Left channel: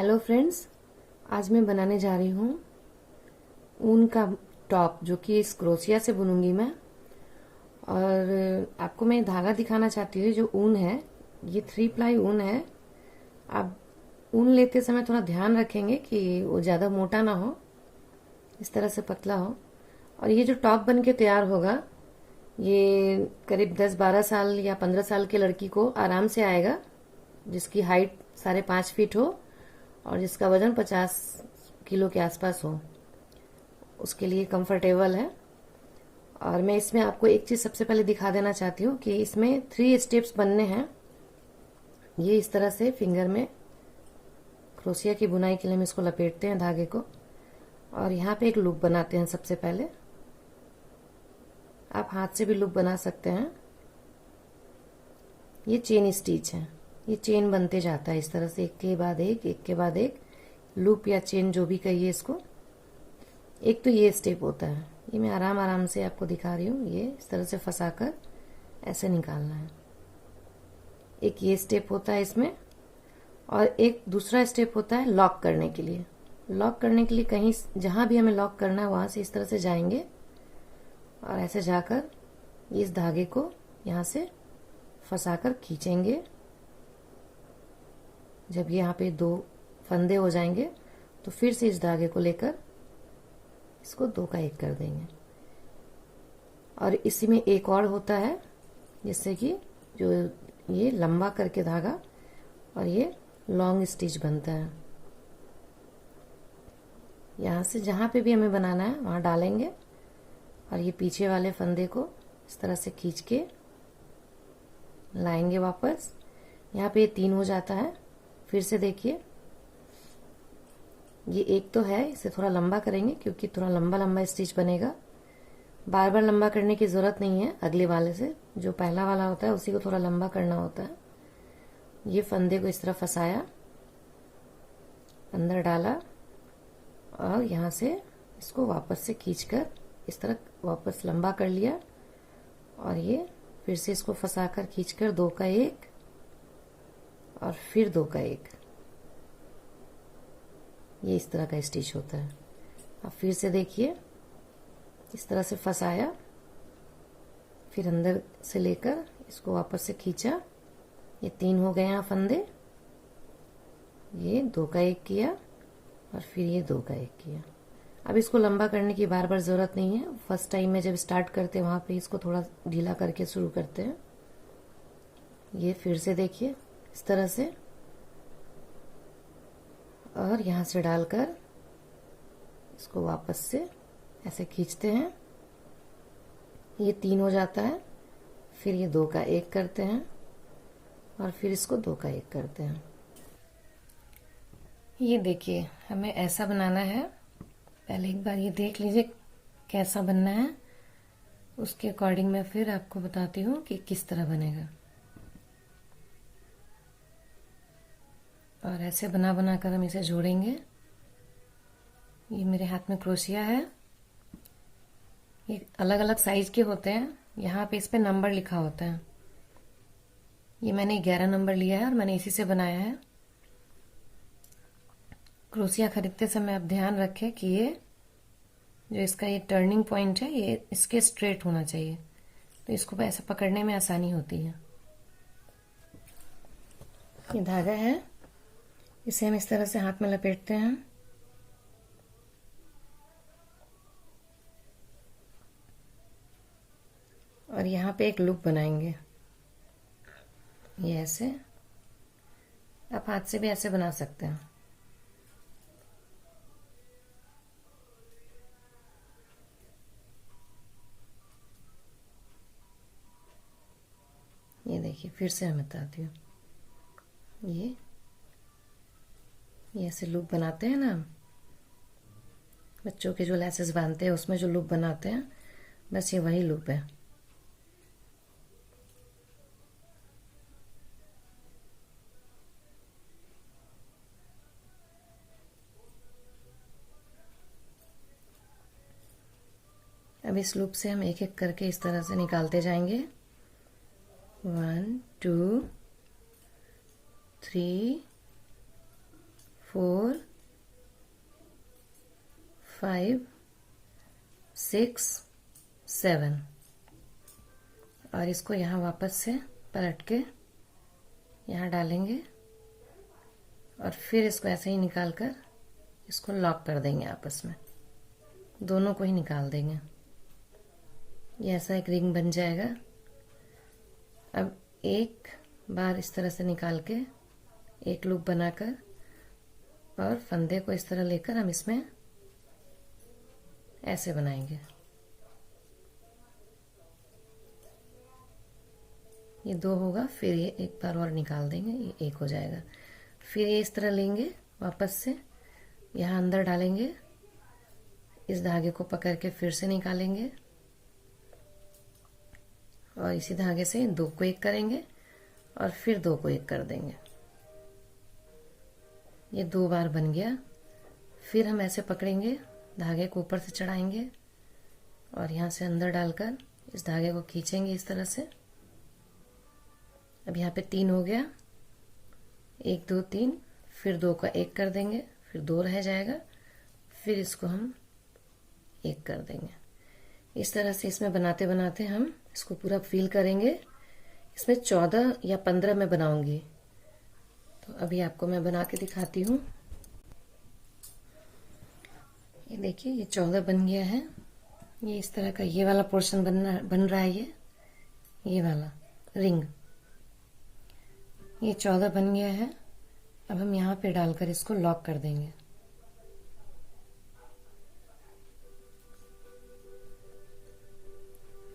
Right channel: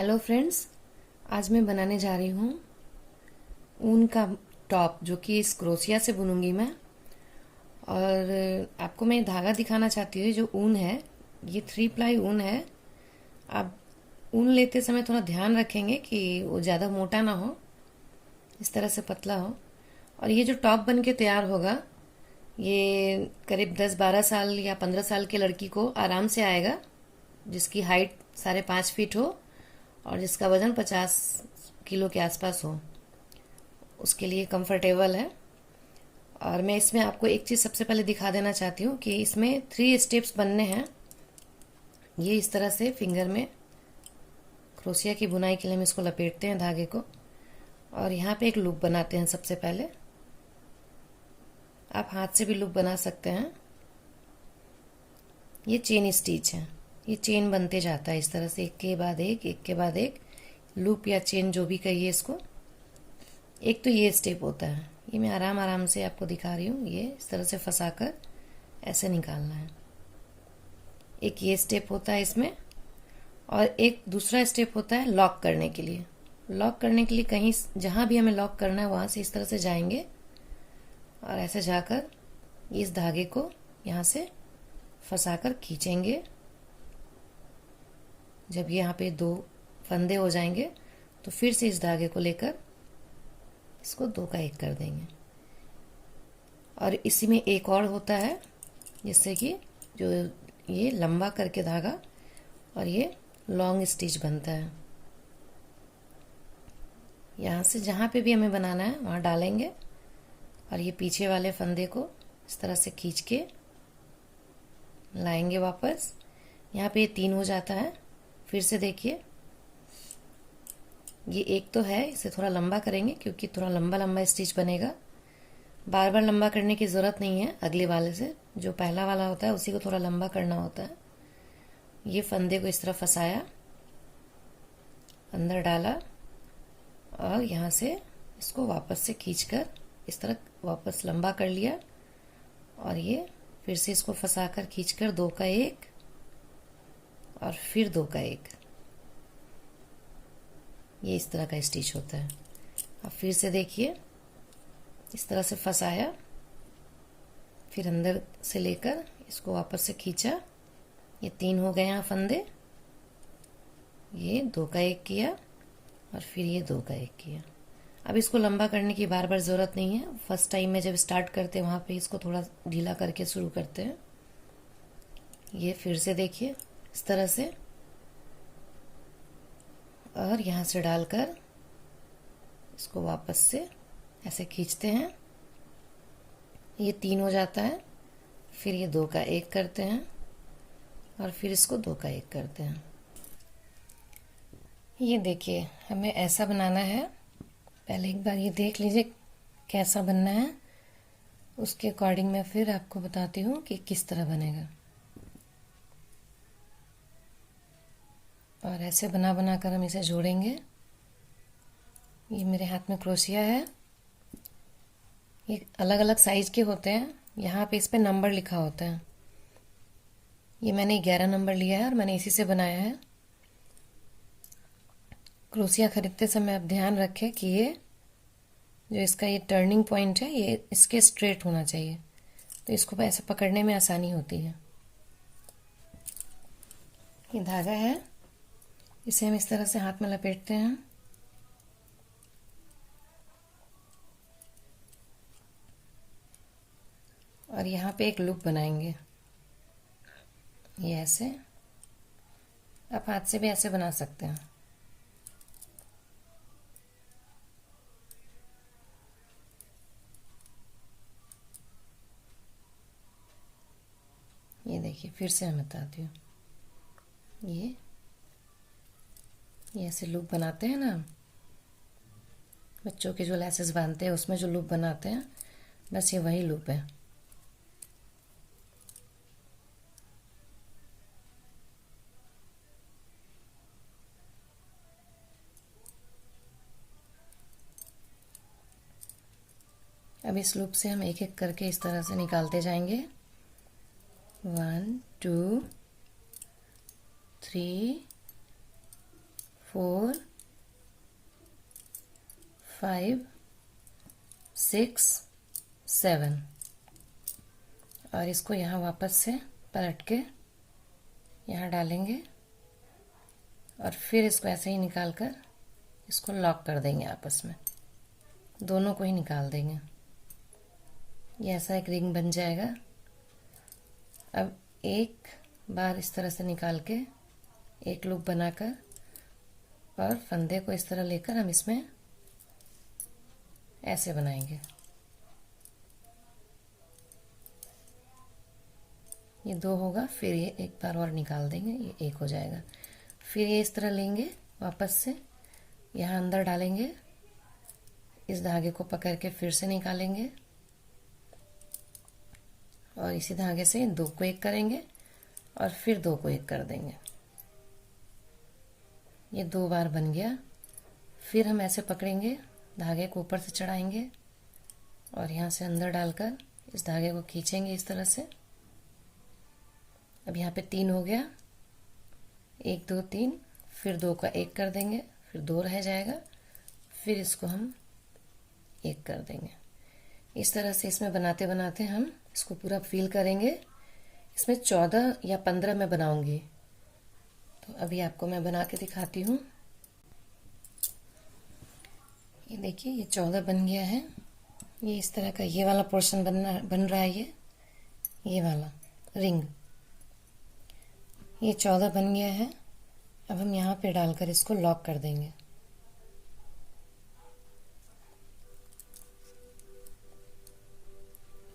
Hello friends, आज मैं बनाने जा रही हूँ ऊन का टॉप, जो कि इस क्रोशिया से बुनूंगी मैं। और आपको मैं धागा दिखाना चाहती हूँ। जो ऊन है, ये 3 प्लाई ऊन है। आप ऊन लेते समय थोड़ा ध्यान रखेंगे कि वो ज़्यादा मोटा ना हो, इस तरह से पतला हो। और ये जो टॉप बन के तैयार होगा, ये करीब 10-12 साल या 15 साल की लड़की को आराम से आएगा, जिसकी हाइट 5.5 फीट हो और जिसका वज़न 50 किलो के आसपास हो। उसके लिए कंफर्टेबल है। और मैं इसमें आपको एक चीज़ सबसे पहले दिखा देना चाहती हूँ कि इसमें 3 स्टेप्स बनने हैं। ये इस तरह से फिंगर में क्रोशिया की बुनाई के लिए हम इसको लपेटते हैं धागे को, और यहाँ पे एक लूप बनाते हैं सबसे पहले। आप हाथ से भी लूप बना सकते हैं। ये चेन स्टिच है, ये चेन बनते जाता है इस तरह से, एक के बाद एक लूप या चेन जो भी कहिए इसको। एक तो ये स्टेप होता है, ये मैं आराम आराम से आपको दिखा रही हूँ। ये इस तरह से फंसाकर ऐसे निकालना है। एक ये स्टेप होता है इसमें, और एक दूसरा स्टेप होता है लॉक करने के लिए। लॉक करने के लिए कहीं जहाँ भी हमें लॉक करना है वहाँ से इस तरह से जाएंगे और ऐसे जाकर इस धागे को यहाँ से फंसाकर खींचेंगे। जब यहाँ पे 2 फंदे हो जाएंगे तो फिर से इस धागे को लेकर इसको 2 का 1 कर देंगे। और इसी में एक और होता है, जिससे कि जो ये लंबा करके धागा और ये लॉन्ग स्टिच बनता है। यहाँ से जहाँ पे भी हमें बनाना है वहाँ डालेंगे और ये पीछे वाले फंदे को इस तरह से खींच के लाएंगे वापस। यहाँ पे ये 3 हो जाता है। फिर से देखिए, ये एक तो है, इसे थोड़ा लंबा करेंगे क्योंकि थोड़ा लंबा लंबा स्टिच बनेगा। बार बार लंबा करने की ज़रूरत नहीं है। अगले वाले से जो पहला वाला होता है उसी को थोड़ा लंबा करना होता है। ये फंदे को इस तरह फंसाया, अंदर डाला और यहाँ से इसको वापस से खींचकर इस तरह वापस लंबा कर लिया, और ये फिर से इसको फंसाकर खींचकर 2 का 1 और फिर 2 का 1। ये इस तरह का स्टिच होता है। अब फिर से देखिए, इस तरह से फंसाया, फिर अंदर से लेकर इसको वापस से खींचा। ये 3 हो गए यहाँ फंदे। ये 2 का 1 किया और फिर ये 2 का 1 किया। अब इसको लंबा करने की बार बार ज़रूरत नहीं है। फर्स्ट टाइम में जब स्टार्ट करते हैं वहाँ पे इसको थोड़ा ढीला करके शुरू करते हैं। ये फिर से देखिए इस तरह से, और यहाँ से डालकर इसको वापस से ऐसे खींचते हैं। ये 3 हो जाता है। फिर ये 2 का 1 करते हैं और फिर इसको 2 का 1 करते हैं। ये देखिए, हमें ऐसा बनाना है। पहले एक बार ये देख लीजिए कैसा बनना है, उसके अकॉर्डिंग मैं फिर आपको बताती हूँ कि किस तरह बनेगा। और ऐसे बना बना कर हम इसे जोड़ेंगे। ये मेरे हाथ में क्रोशिया है। ये अलग अलग साइज के होते हैं। यहाँ पे इस पे नंबर लिखा होता है। ये मैंने 11 नंबर लिया है और मैंने इसी से बनाया है। क्रोशिया खरीदते समय आप ध्यान रखें कि ये जो इसका ये टर्निंग पॉइंट है, ये इसके स्ट्रेट होना चाहिए, तो इसको ऐसे पकड़ने में आसानी होती है। ये धागा है, इसे हम इस तरह से हाथ में लपेटते हैं। और यहाँ पे एक लूप बनाएंगे। ये ऐसे, आप हाथ से भी ऐसे बना सकते हैं। ये देखिए, फिर से मैं बताती हूँ। ये ऐसे लूप बनाते हैं ना, बच्चों के जो लेसेस बांधते हैं उसमें जो लूप बनाते हैं, बस ये वही लूप है। अब इस लूप से हम एक एक करके इस तरह से निकालते जाएंगे। 1 2 3 4 5 6 7 और इसको यहाँ वापस से पलट के यहाँ डालेंगे और फिर इसको ऐसे ही निकाल कर इसको लॉक कर देंगे आपस में, दोनों को ही निकाल देंगे। ये ऐसा एक रिंग बन जाएगा। अब एक बार इस तरह से निकाल के एक लूप बनाकर और फंदे को इस तरह लेकर हम इसमें ऐसे बनाएंगे। ये 2 होगा, फिर ये एक बार और निकाल देंगे, ये 1 हो जाएगा। फिर ये इस तरह लेंगे, वापस से यहाँ अंदर डालेंगे, इस धागे को पकड़ के फिर से निकालेंगे और इसी धागे से 2 को 1 करेंगे और फिर 2 को 1 कर देंगे। ये 2 बार बन गया। फिर हम ऐसे पकड़ेंगे, धागे को ऊपर से चढ़ाएंगे और यहाँ से अंदर डालकर इस धागे को खींचेंगे इस तरह से। अब यहाँ पे 3 हो गया, 1 2 3, फिर 2 का 1 कर देंगे, फिर 2 रह जाएगा, फिर इसको हम 1 कर देंगे। इस तरह से इसमें बनाते बनाते हम इसको पूरा फील करेंगे। इसमें 14 या 15 मैं बनाऊंगी, तो अभी आपको मैं बना के दिखाती हूँ। ये देखिए, ये 14 बन गया है। ये इस तरह का ये वाला पोर्शन बन रहा है। ये वाला रिंग, ये 14 बन गया है। अब हम यहाँ पे डालकर इसको लॉक कर देंगे।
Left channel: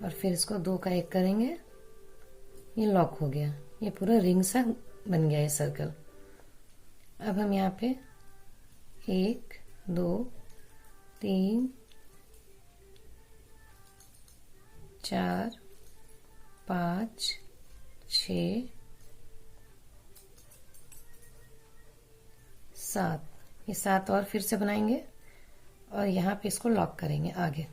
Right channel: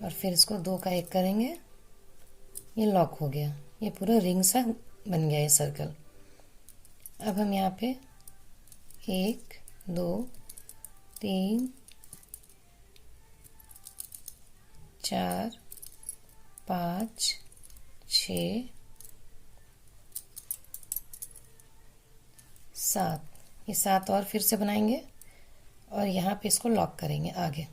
और फिर इसको 2 का 1 करेंगे, ये लॉक हो गया। ये पूरा रिंग सा बन गया, ये सर्कल। अब हम यहाँ पे 1 2 3 4 5 6 7, ये 7 और फिर से बनाएंगे और यहाँ पे इसको लॉक करेंगे। आगे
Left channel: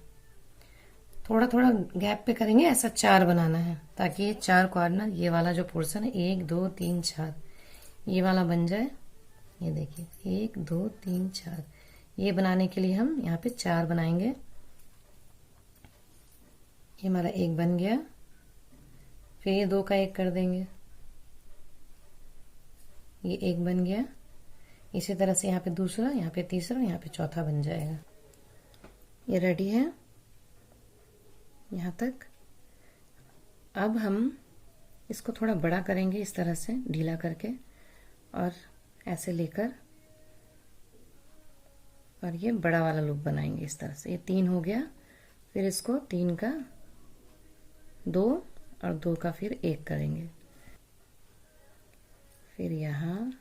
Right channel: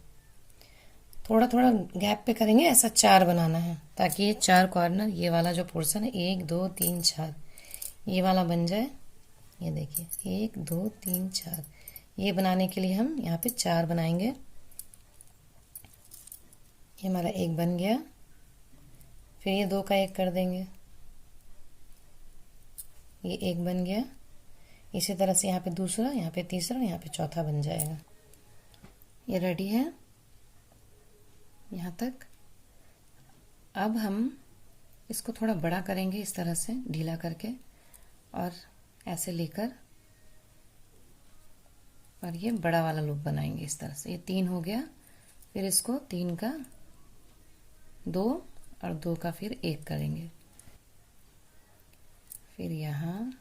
थोड़ा थोड़ा गैप पे करेंगे, ऐसा 4 बनाना है ताकि ये 4 कॉर्नर, ये वाला जो पोर्शन है 1 2 3 4, ये वाला बन जाए। ये देखिए 1 2 3 4, ये बनाने के लिए हम यहाँ पे 4 बनाएंगे। ये हमारा 1 बन गया, फिर ये 2 का 1 कर देंगे, ये 1 बन गया। इसी तरह से यहाँ पे दूसरा, यहाँ पे तीसरा, यहाँ पे चौथा बन जाएगा। ये रेडी है यहाँ तक। अब हम इसको थोड़ा बड़ा करेंगे, इस तरह से ढीला करके और ऐसे लेकर, और ये बड़ा वाला लूप बनाएंगे इस तरह से। ये 3 हो गया, फिर इसको 3 का 2 और 2 का फिर 1 करेंगे। फिर यहाँ,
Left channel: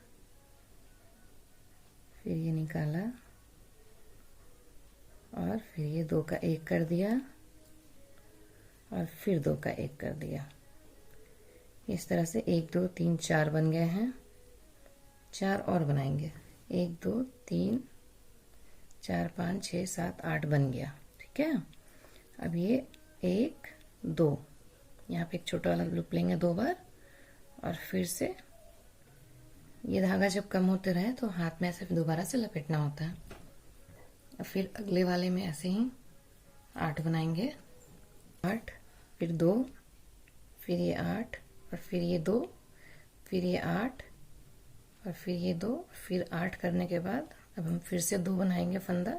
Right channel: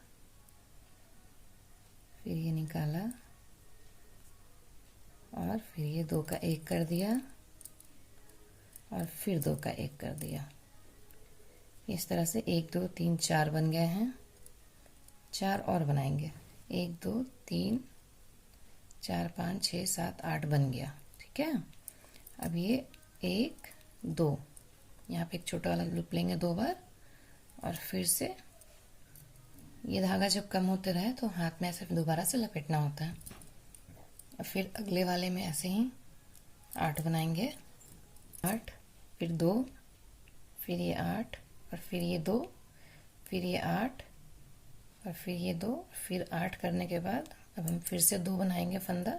फिर ये निकाला और फिर ये 2 का 1 कर दिया और फिर 2 का 1 कर दिया। इस तरह से 1 2 3 4 बन गए हैं। 4 और बनाएंगे, 1 2 3 4 5 6 7 8 बन गया। ठीक है। अब ये 1 2, यहाँ पे एक छोटा वाला लूप लेंगे 2 बार और फिर से ये धागा जब कम होते रहे तो हाथ में ऐसे दोबारा से लपेटना होता है। और फिर अगले वाले में ऐसे ही 8 बनाएंगे। 8, फिर 2, फिर ये 8 और फिर ये 2, फिर ये 8 और फिर ये 2, फिर 8 करने के बाद अब हम फिर से 2 बनाएंगे फंदा,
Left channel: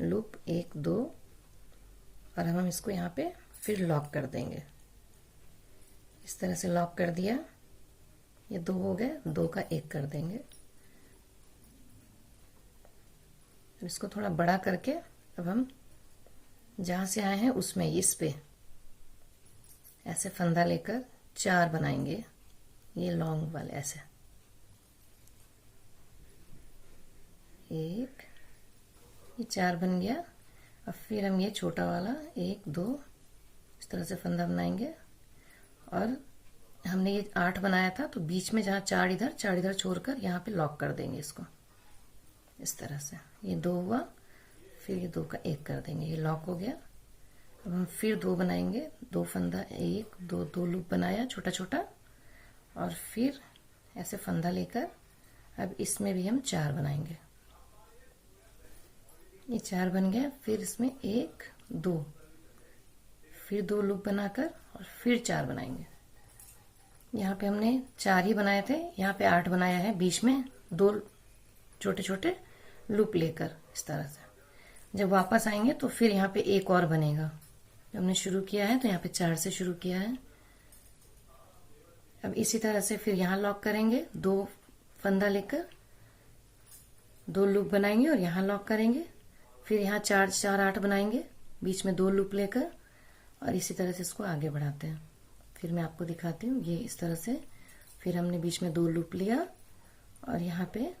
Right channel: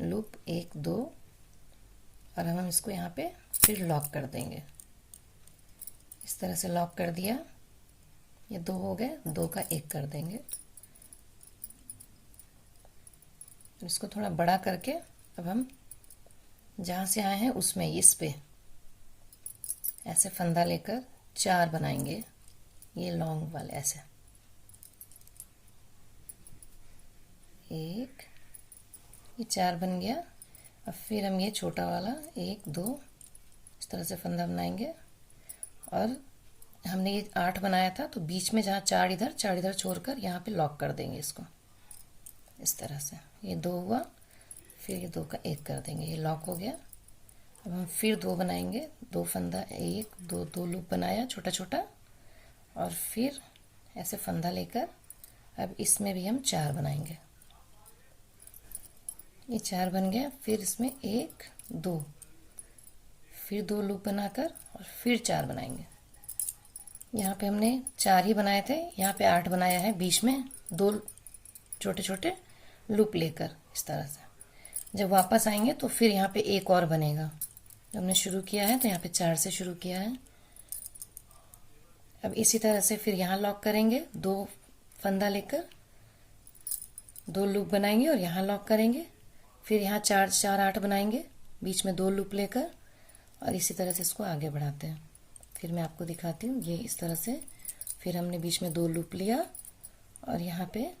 लूप 1 2 और हम इसको यहाँ पे फिर लॉक कर देंगे। इस तरह से लॉक कर दिया। ये 2 हो गए, 2 का 1 कर देंगे। इसको थोड़ा बड़ा करके अब हम जहां से आए हैं उसमें इस पे ऐसे फंदा लेकर 4 बनाएंगे, ये लॉन्ग वाले ऐसे। 1, ये 4 बन गया। अब फिर हम ये छोटा वाला 1 2 इस तरह से फंदा बनाएंगे और हमने ये 8 बनाया था तो बीच में जहाँ 4 इधर छोड़कर यहाँ पे लॉक कर देंगे इसको इस तरह से। ये 2 हुआ, फिर ये 2 का 1 कर देंगे, ये लॉक हो गया। अब हम फिर 2 बनाएंगे, 2 फंदा, 1 2 2 लूप बनाया छोटा छोटा और फिर ऐसे फंदा लेकर अब इसमें भी हम 4 बनाएंगे। ये 4 बन गया। फिर इसमें 1 2, फिर 2 लूप बनाकर और फिर 4 बनाएंगे। यहाँ पे हमने 4 ही बनाए थे, यहाँ पे 8 बनाया है। बीच में 2 छोटे छोटे लूप लेकर इस तरह से जब वापस आएंगे तो फिर यहाँ पे एक और बनेगा। हमने शुरू किया है तो यहाँ पे 4 से शुरू किया है। अब इसी तरह से फिर यहाँ लॉक करेंगे, 2 फंदा लेकर 2 लूप बनाएंगे और यहाँ लॉक करेंगे। फिर यहाँ 4 4 8 बनाएंगे, बीच में 2 लूप लेकर और इसी तरह से इसको आगे बढ़ाते हैं। फिर मैं आपको दिखाती हूँ। ये इस तरह से फिर हमने बीच में 2 लूप लिया और यहाँ पे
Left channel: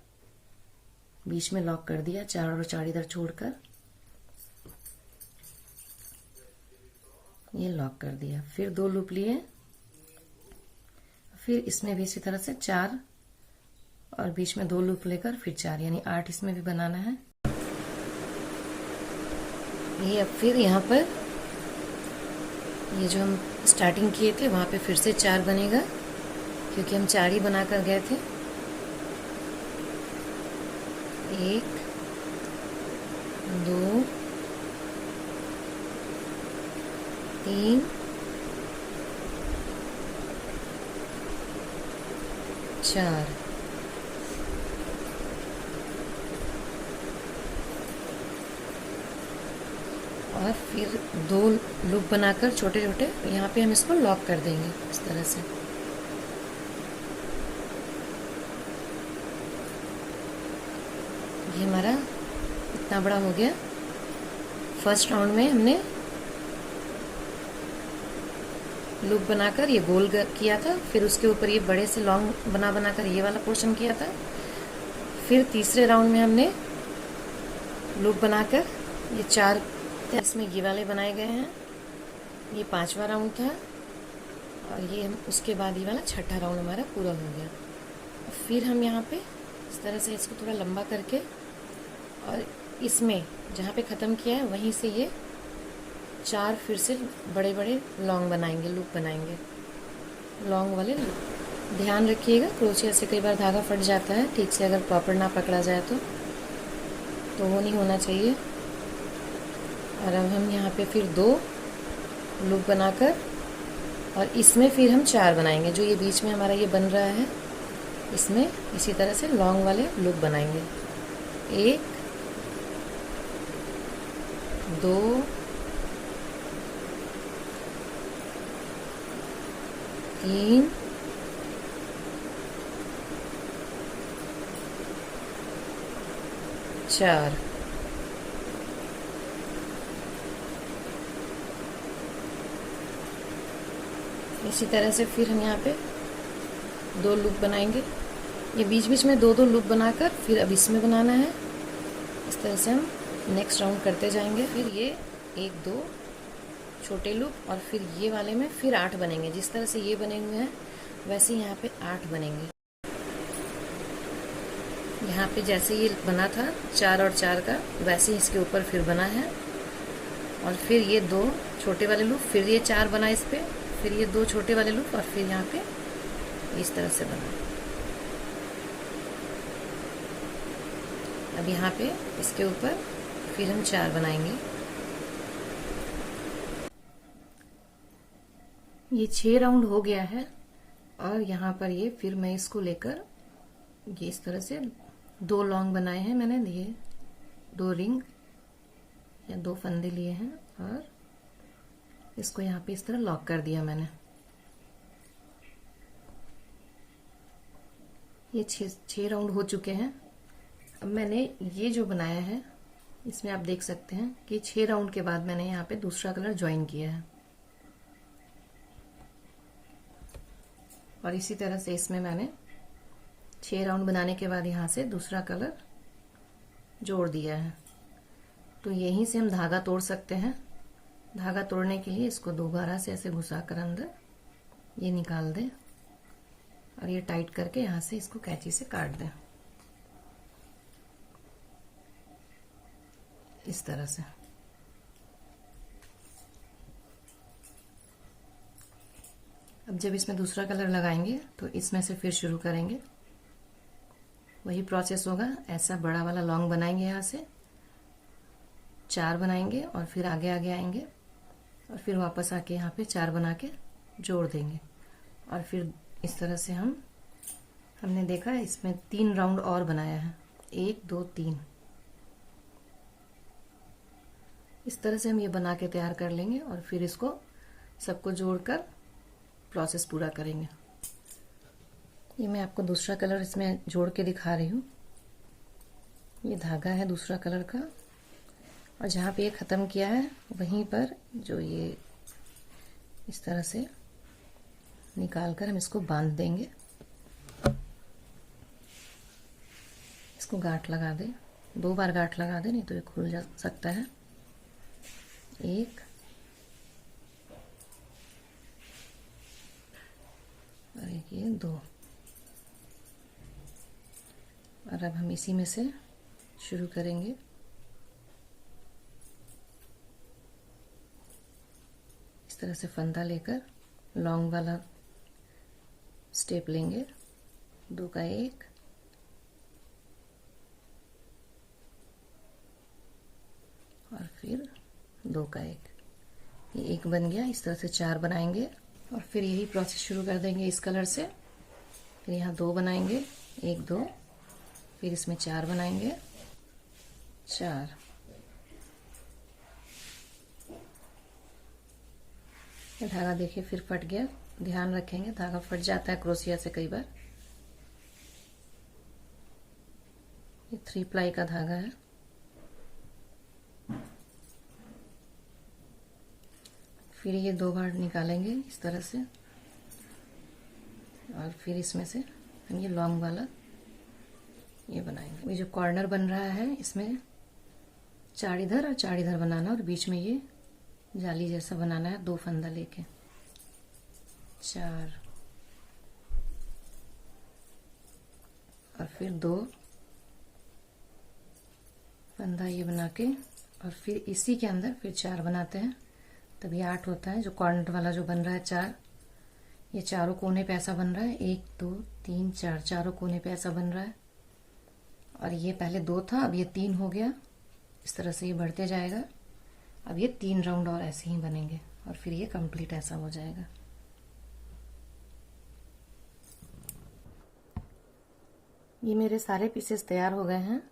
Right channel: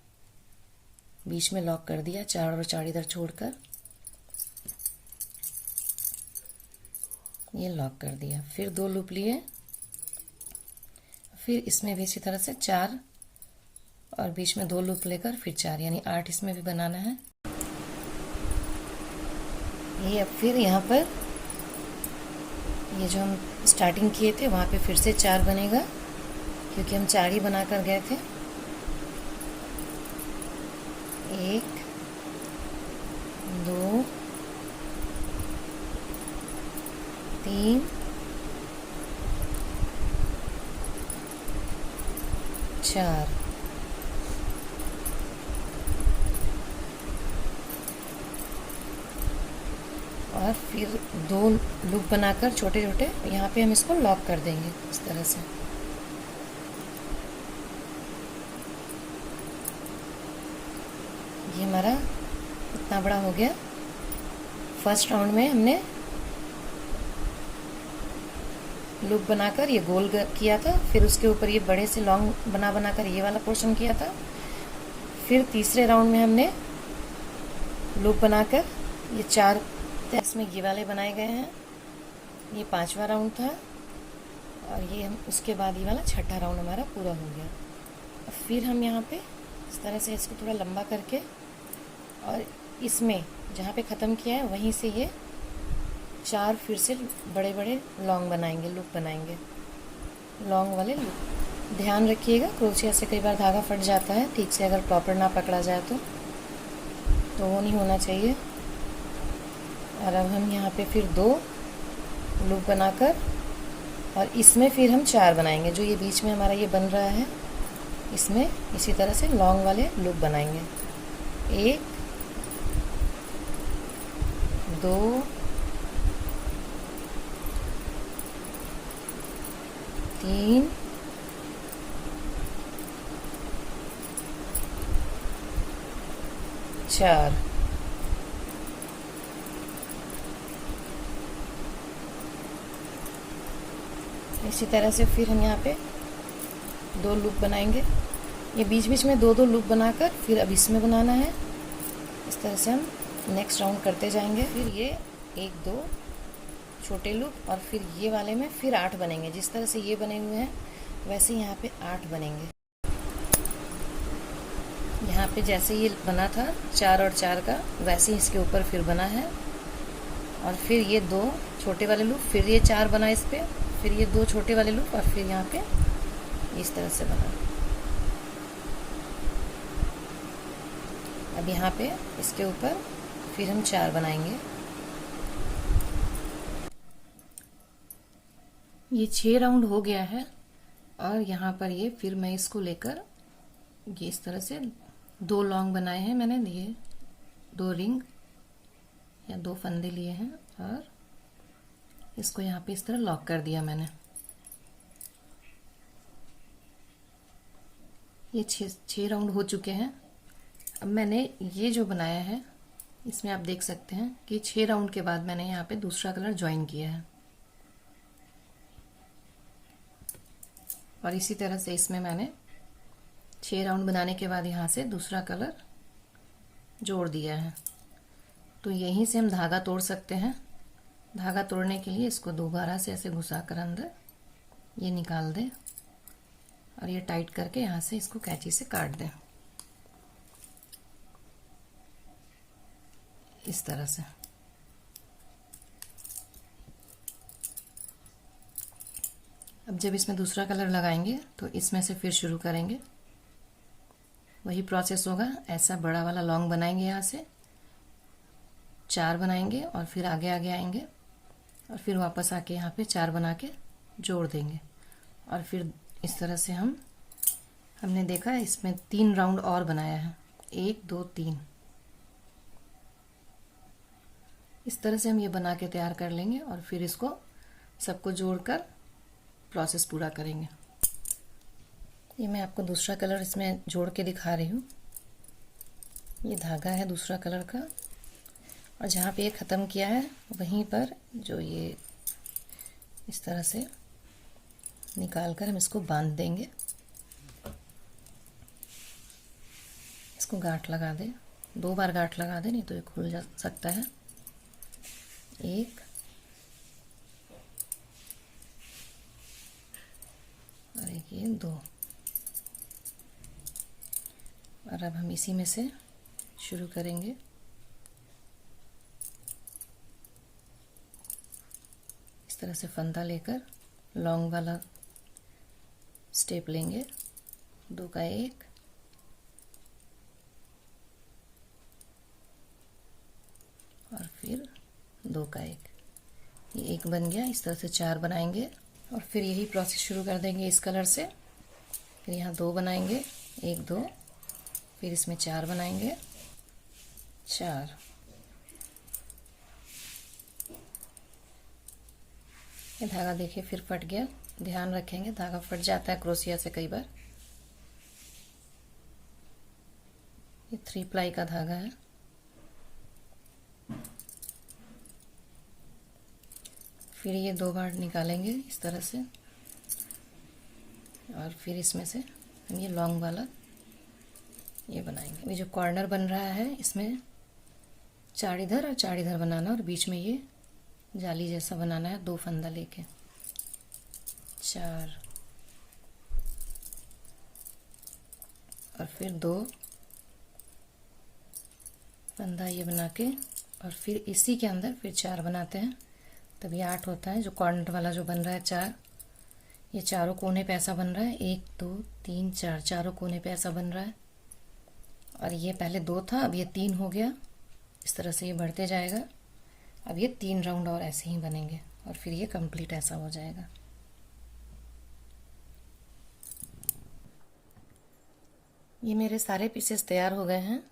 बीच में लॉक कर दिया, 4 और 4 इधर छोड़कर ये लॉक कर दिया। फिर 2 लूप लिए, फिर इसमें भी इसी तरह से 4 और बीच में 2 लूप लेकर फिर 4, यानी 8 इसमें भी बनाना है। ये अब फिर यहाँ पर ये जो हम स्टार्टिंग किए थे वहां पे फिर से 4 बनेगा, क्योंकि हम 4 ही बनाकर गए थे। 1 2 3 4 और फिर 2 लूप बनाकर छोटे छोटे यहाँ पे हम इसको लॉक कर देंगे इस तरह से। ये हमारा इतना बड़ा हो गया। फर्स्ट राउंड में हमने लूप बनाकर ये गोल किया था, फिर उसके ऊपर ये बड़े से लॉन्ग बनाकर ये वाला पोर्शन किया था। फिर तीसरे राउंड में हमने लूप बनाकर ये 4 इसमें ये वाले बनाए गए हैं। ये 5वां राउंड था और ये उसके बाद ये वाला 6ठा राउंड हमारा पूरा हो गया। फिर हम यहाँ पे इस तरह से इसको थोड़ा लंबा करके और इसमें जहाँ पे ख़त्म किया है वहीं से ये 4 फिर से बड़े बड़े लॉन्ग बनाएंगे, लूप बनाएंगे, लॉन्ग वाले लूप। ध्यान रखिएगा क्रोशिया से कई बार धागा फट जाता है, ठीक से अगर प्रॉपर ना पकड़ा जाए तो वो नहीं होना चाहिए। और अब हम यहाँ पे फिर 2 लूप बनाकर और इसमें फिर हम 4 बनाएंगे। जो ये बीच में हमारा ये बन रहा है इसमें इसी तरह से लॉन्ग वाले लूप बनाएंगे। 1 2 3 4 इसी तरह से फिर हम यहाँ पे 2 लूप बनाएंगे। ये बीच बीच में 2 लूप बनाकर फिर अब इसमें बनाना है। इस तरह से हम नेक्स्ट राउंड करते जाएंगे। फिर ये 1 2 छोटे लूप और फिर ये वाले में फिर 8 बनेंगे। जिस तरह से ये बने हुए हैं वैसे यहाँ पे 8 बनेंगे। यहाँ पे जैसे ये बना था 4 और 4 का, वैसे ही इसके ऊपर फिर बना है। और फिर ये 2 छोटे वाले लूप, फिर ये 4 बना इस पे, फिर ये 2 छोटे वाले लूप और फिर यहाँ पे इस तरह से बना। अब यहाँ पे इसके ऊपर फिर हम 4 बनाएंगे। ये 6 राउंड हो गया है और यहाँ पर ये फिर मैं इसको लेकर ये इस तरह से 2 लॉन्ग बनाए हैं मैंने, ये 2 रिंग या 2 फंदे लिए हैं और इसको यहाँ पे इस तरह लॉक कर दिया मैंने। ये 6 राउंड हो चुके हैं। अब मैंने ये जो बनाया है इसमें आप देख सकते हैं कि 6 राउंड के बाद मैंने यहाँ पे दूसरा कलर ज्वाइन किया है और इसी तरह से इसमें मैंने 6 राउंड बनाने के बाद यहाँ से दूसरा कलर जोड़ दिया है। तो यहीं से हम धागा तोड़ सकते हैं। धागा तोड़ने के लिए इसको दोबारा से ऐसे घुसाकर अंदर ये निकाल दें और ये टाइट करके यहाँ से इसको कैंची से काट दें इस तरह से। अब जब इसमें दूसरा कलर लगाएंगे तो इसमें से फिर शुरू करेंगे। वही प्रोसेस होगा। ऐसा बड़ा वाला लॉन्ग बनाएंगे, यहाँ से 4 बनाएंगे और फिर आगे आगे आएंगे और फिर वापस आके यहाँ पे 4 बना के जोड़ देंगे। और फिर इस तरह से हमने देखा इसमें 3 राउंड और बनाया है, 1 2 3। इस तरह से हम ये बना के तैयार कर लेंगे और फिर इसको सबको जोड़कर प्रोसेस पूरा करेंगे। ये मैं आपको दूसरा कलर इसमें जोड़ के दिखा रही हूँ। ये धागा है दूसरा कलर का, और जहाँ पे ये ख़त्म किया है वहीं पर जो ये इस तरह से निकाल कर हम इसको बांध देंगे। इसको गांठ लगा दें, 2 बार गांठ लगा दें, नहीं तो ये खुल जा सकता है। 1 और एक ये 2। और अब हम इसी में से शुरू करेंगे। इस तरह से फंदा लेकर लॉन्ग वाला स्टेप लेंगे, 2 का 1 और फिर 2 का 1। ये 1 बन गया। इस तरह से 4 बनाएंगे और फिर यही प्रोसेस शुरू कर देंगे इस कलर से। फिर यहाँ 2 बनाएंगे, 1 2, फिर इसमें 4 बनाएंगे, 4। ये धागा देखिए फिर फट गया, ध्यान रखेंगे, धागा फट जाता है क्रोशिया से कई बार। ये 3 प्लाई का धागा है। फिर ये 2 बार निकालेंगे इस तरह से और फिर इसमें से हम ये लॉन्ग वाला ये बनाएंगे। ये जो कॉर्नर बन रहा है इसमें 4 इधर और 4 इधर बनाना, और बीच में ये जाली जैसा बनाना है, 2 फंदा लेके 4 और फिर 2 फंदा ये बना के और फिर इसी के अंदर फिर 4 बनाते हैं, तभी 8 होता है। जो कॉर्नर वाला जो बन रहा है 4, ये चारों कोने पे ऐसा बन रहा है, 1 2 3 4, चारों कोने पे ऐसा बन रहा है। और ये पहले 2 था, अब ये 3 हो गया। इस तरह से ये बढ़ते जाएगा। अब ये 3 राउंड और ऐसे ही बनेंगे और फिर ये कंप्लीट ऐसा हो जाएगा। ये मेरे सारे पीसेस तैयार हो गए हैं।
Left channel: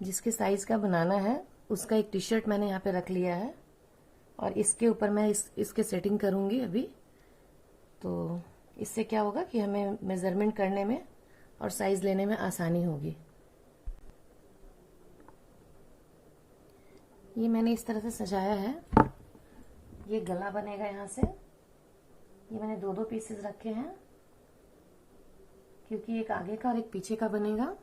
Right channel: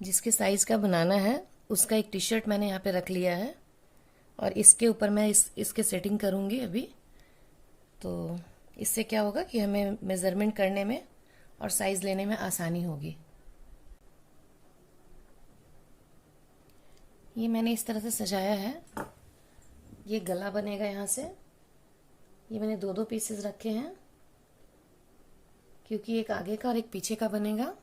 जिसके साइज का बनाना है उसका एक टी शर्ट मैंने यहाँ पे रख लिया है और इसके ऊपर मैं इसके सेटिंग करूँगी अभी। तो इससे क्या होगा कि हमें मेज़रमेंट करने में और साइज़ लेने में आसानी होगी। ये मैंने इस तरह से सजाया है। ये गला बनेगा यहाँ से। ये मैंने 2-2 पीसेस रखे हैं क्योंकि एक आगे का और एक पीछे का बनेगा।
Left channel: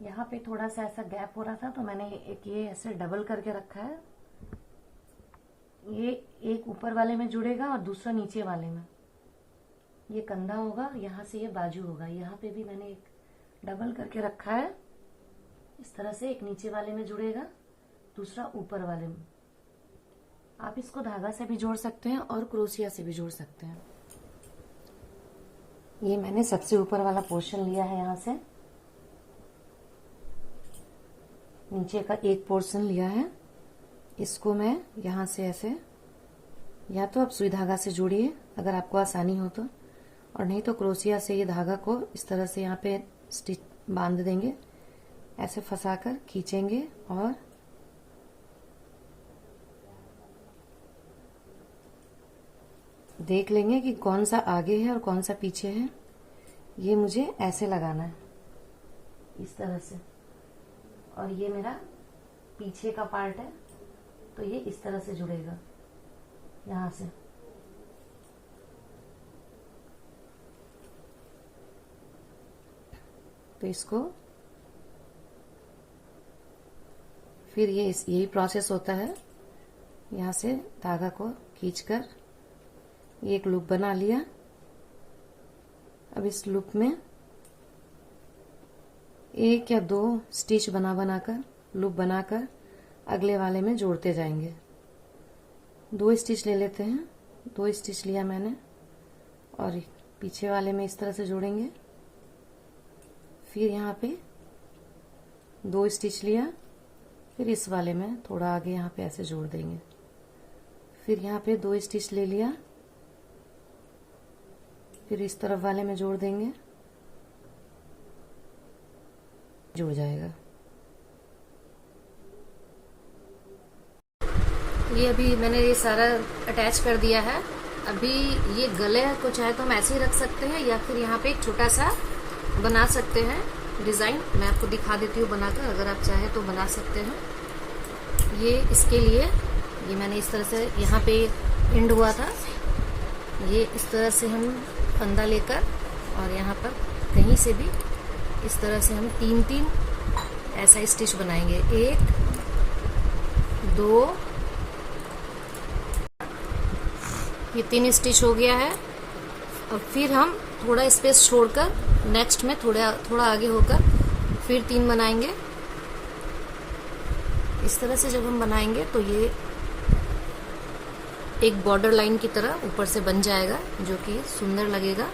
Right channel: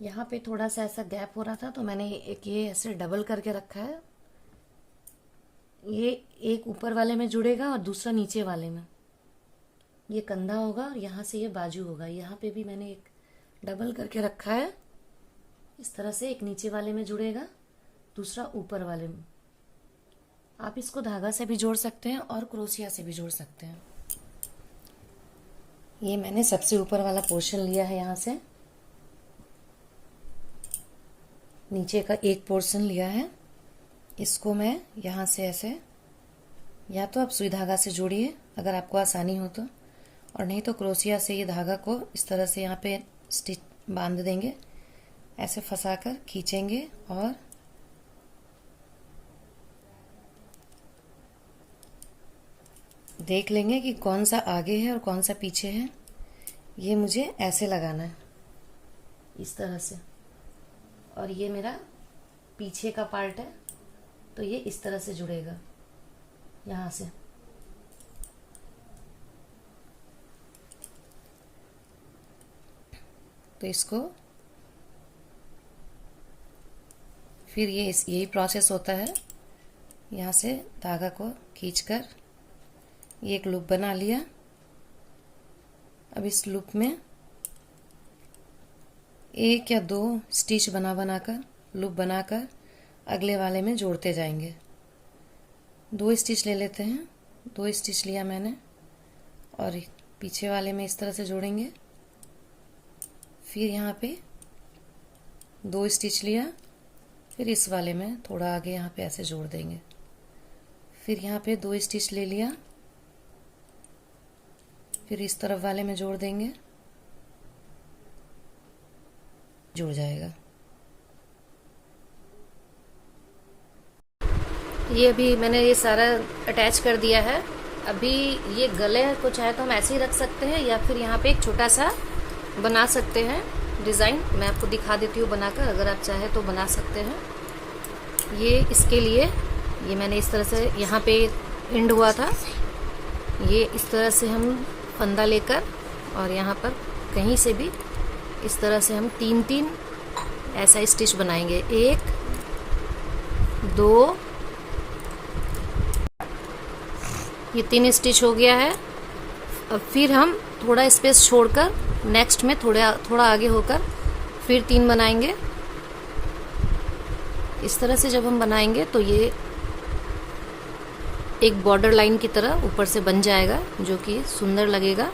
यहाँ पे थोड़ा सा ऐसा गैप हो रहा था तो मैंने एक ये ऐसे डबल करके रखा है। ये एक ऊपर वाले में जुड़ेगा और दूसरा नीचे वाले में। ये कंधा होगा और यहाँ से ये बाजू होगा। यहाँ पे भी मैंने एक डबल करके रखा है। इस तरह से एक नीचे वाले में जुड़ेगा, दूसरा ऊपर वाले में। आप इसको धागा से भी जोड़ सकते हैं और क्रोशिया से भी जोड़ सकते हैं। ये मैंने सबसे ऊपर वाला पोर्शन लिया है, यहाँ से नीचे का एक पोर्शन लिया है। इसको मैं यहाँ से ऐसे, या तो आप सुई धागा से जोड़िए अगर आपको आसानी हो तो, और नहीं तो क्रोशिया से ये धागा को इस तरह से यहाँ पे स्टिच बांध देंगे, ऐसे फंसाकर खींचेंगे और देख लेंगे कि कौन सा आगे है और कौन सा पीछे है। ये मुझे ऐसे लगाना है इस तरह से, और ये मेरा पीछे का पार्ट है तो ये इस तरह से जुड़ेगा यहाँ से। तो इसको फिर ये यही प्रोसेस होता है। यहाँ से धागा को खींचकर ये एक लूप बना लिया। अब इस लूप में 1 या 2 स्टिच बनाकर लूप बनाकर अगले वाले में जोड़ते जाएंगे। 2 स्टिच ले लेते हैं, 2 स्टिच लिया मैंने और पीछे वाले में इस तरह से जोड़ेंगे। फिर यहाँ पे 2 स्टिच लिया, फिर इस वाले में थोड़ा आगे यहाँ पे ऐसे जोड़ देंगे। फिर यहाँ पे 2 स्टिच ले लिया, फिर इस तरफ वाले में जोड़ देंगे, जुड़ जाएगा। ये अभी मैंने ये सारा अटैच कर दिया है। अभी ये गले को चाहे तो हम ऐसे ही रख सकते हैं या फिर यहाँ पे एक छोटा सा बना सकते हैं डिज़ाइन। मैं आपको दिखा देती हूँ बनाकर, अगर आप चाहे तो बना सकते हैं। ये इसके लिए ये मैंने इस तरह से यहाँ पे एंड हुआ था, ये इस तरह से हम फंदा लेकर और यहाँ पर कहीं से भी इस तरह से हम 3-3 ऐसा स्टिच बनाएंगे। 1 2, ये 3 स्टिच हो गया है। और फिर हम थोड़ा स्पेस छोड़कर नेक्स्ट में थोड़ा आगे होकर फिर 3 बनाएंगे। इस तरह से जब हम बनाएंगे तो ये एक बॉर्डर लाइन की तरह ऊपर से बन जाएगा, जो कि सुंदर लगेगा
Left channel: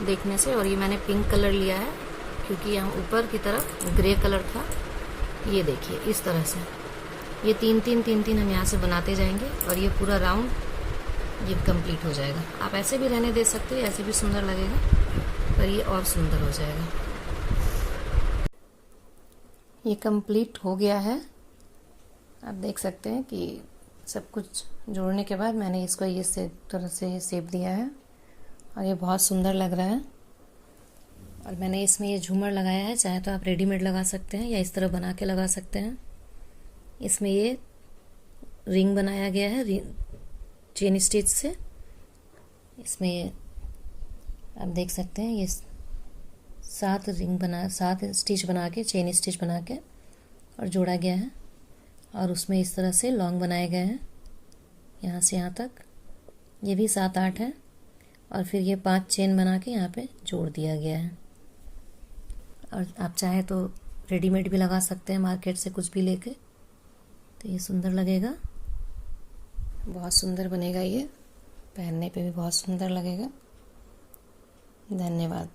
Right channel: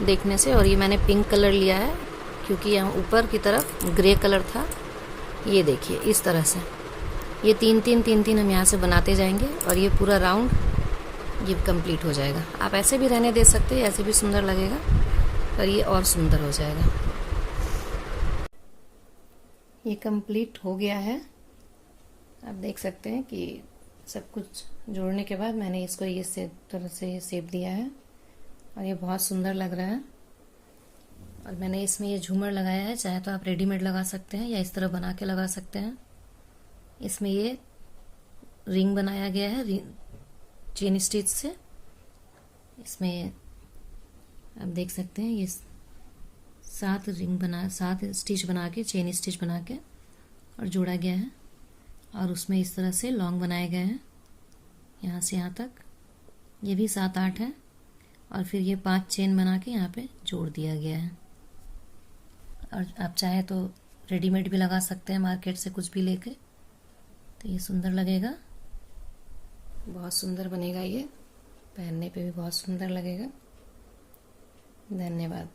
देखने से। और ये मैंने पिंक कलर लिया है क्योंकि यहाँ ऊपर की तरफ ग्रे कलर था। ये देखिए इस तरह से ये 3-3 हम यहाँ से बनाते जाएंगे और ये पूरा राउंड ये कंप्लीट हो जाएगा। आप ऐसे भी रहने दे सकते हैं, ऐसे भी सुंदर लगेगा, पर ये और सुंदर हो जाएगा। ये कंप्लीट हो गया है। आप देख सकते हैं कि सब कुछ जोड़ने के बाद मैंने इसको इस तरह से शेप दिया है और ये बहुत सुंदर लग रहा है। और मैंने इसमें ये झूमर लगाया है, चाहे तो आप रेडीमेड लगा सकते हैं या इस तरह बना के लगा सकते हैं। इसमें ये रिंग बनाया गया है चेन स्टिच से। इसमें आप देख सकते हैं ये 7 स्टिच बना के, चेन स्टिच बना के और जोड़ा गया है। और उसमें इस तरह से लॉन्ग बनाए गए हैं यहाँ से यहाँ तक, ये भी 7-8 है। और फिर ये 5 चेन बना के यहाँ पे जोड़ दिया गया है। और आप चाहे तो रेडीमेड भी लगा सकते हैं मार्केट से कुछ भी लेके, तो ये सुंदर लगेगा, बहुत सुंदर बनेगा। ये पहनने पे भी बहुत सुंदर लगेगा। धन्यवाद।